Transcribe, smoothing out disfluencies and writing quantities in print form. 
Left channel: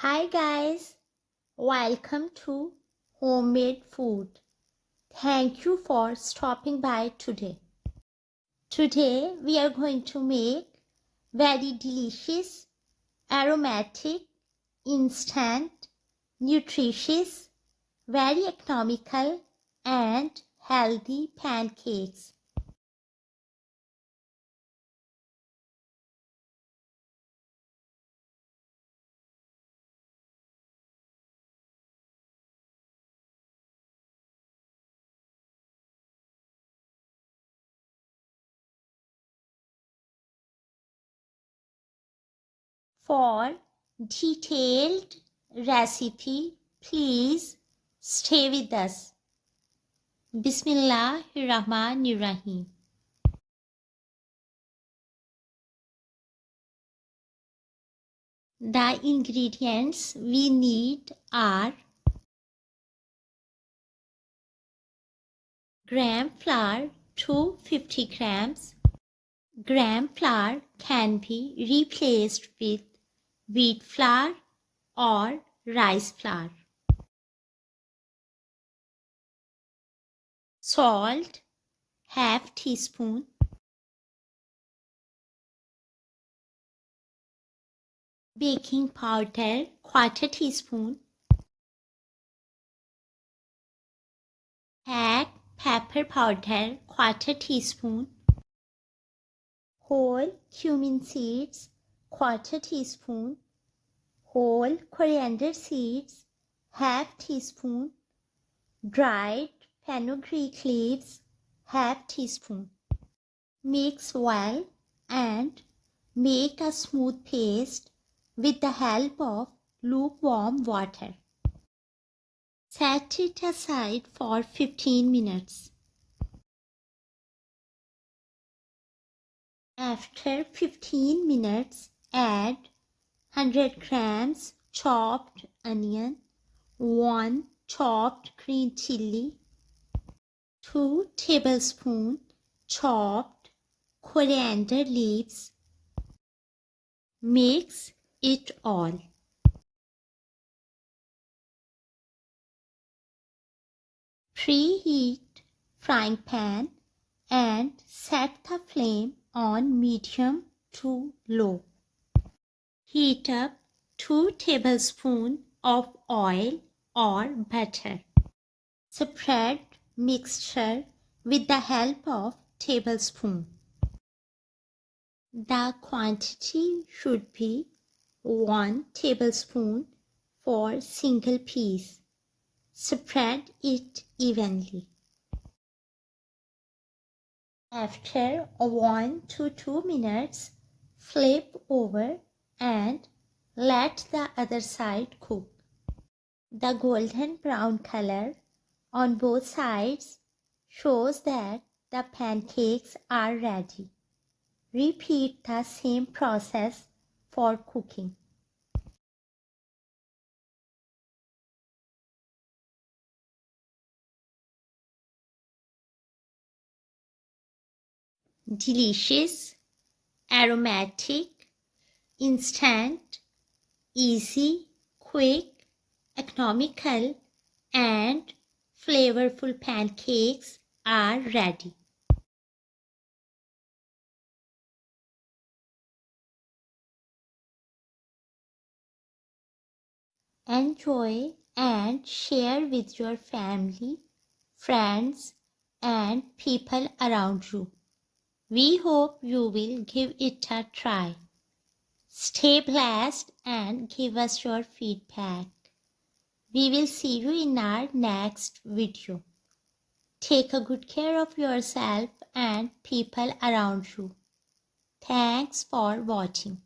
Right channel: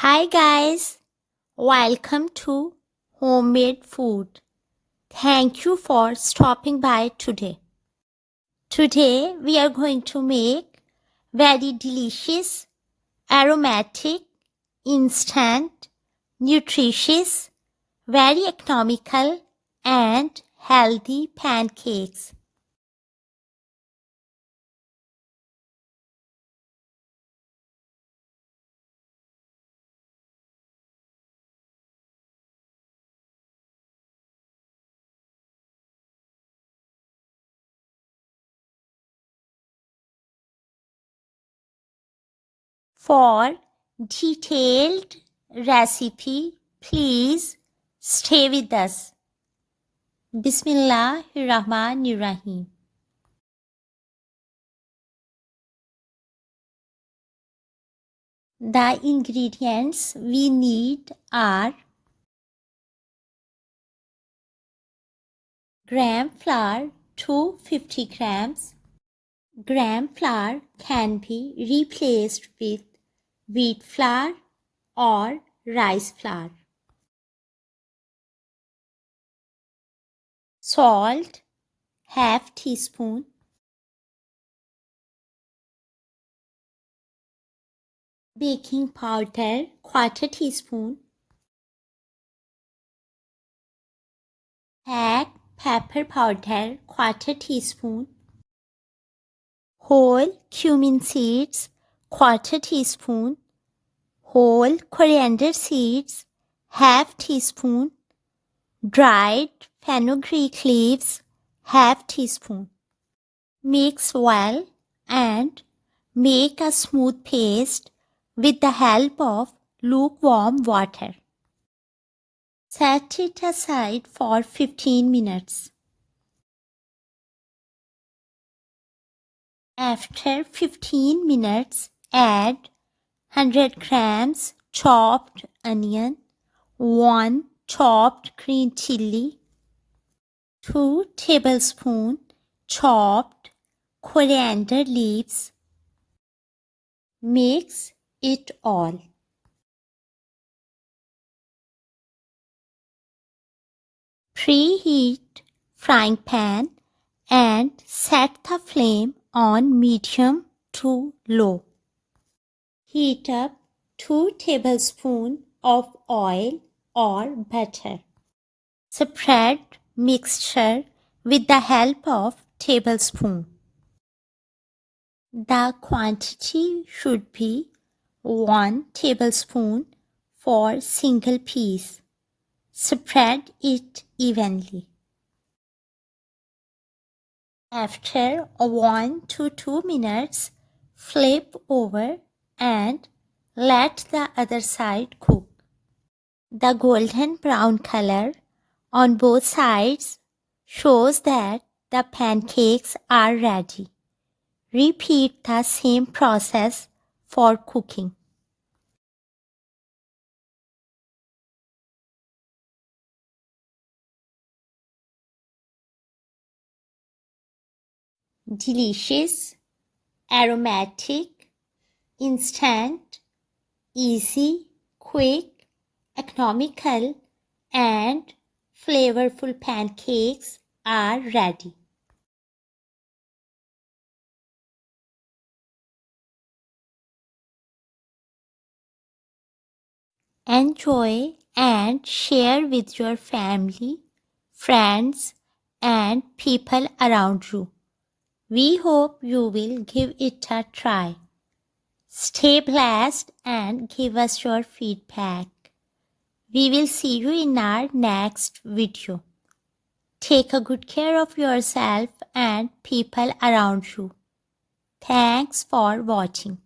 Hi guys, welcome to Homemade Food. Thank you for stopping by today. Today we are going to make very delicious, aromatic, instant, nutritious, very economical and healthy pancakes. For detailed recipe, please stay with us. Bismillahirrahmanirrahim. The ingredients we need are gram flour 250 grams. Gram flour can be replaced with wheat flour or rice flour. Salt half teaspoon. Baking powder quarter teaspoon. Black pepper powder quarter teaspoon. Whole cumin seeds quarter teaspoon. Whole coriander seeds half teaspoon. Dried fenugreek leaves half teaspoon. Mix well and make a smooth paste with the help of lukewarm water. Set it aside for 15 minutes. After 15 minutes, add 100 grams chopped onion, 1 chopped green chili, 2 tablespoons chopped coriander leaves. Mix it all. Preheat frying pan and set the flame on medium to low. Heat up 2 tablespoons of oil or butter. Spread mixture with the help of tablespoon. The quantity should be 1 tablespoon for single piece. Spread it evenly. After 1 to 2 minutes, flip over and let the other side cook. The golden brown color on both sides shows that the pancakes are ready. Repeat the same process for cooking. Delicious, aromatic, instant, easy, quick, economical, and flavorful pancakes are ready. Enjoy and share with your family, friends, and people around you. We hope you will give it a try. Stay blessed and give us your feedback. We will see you in our next video. Take a good care of yourself and people around you. Thanks for watching.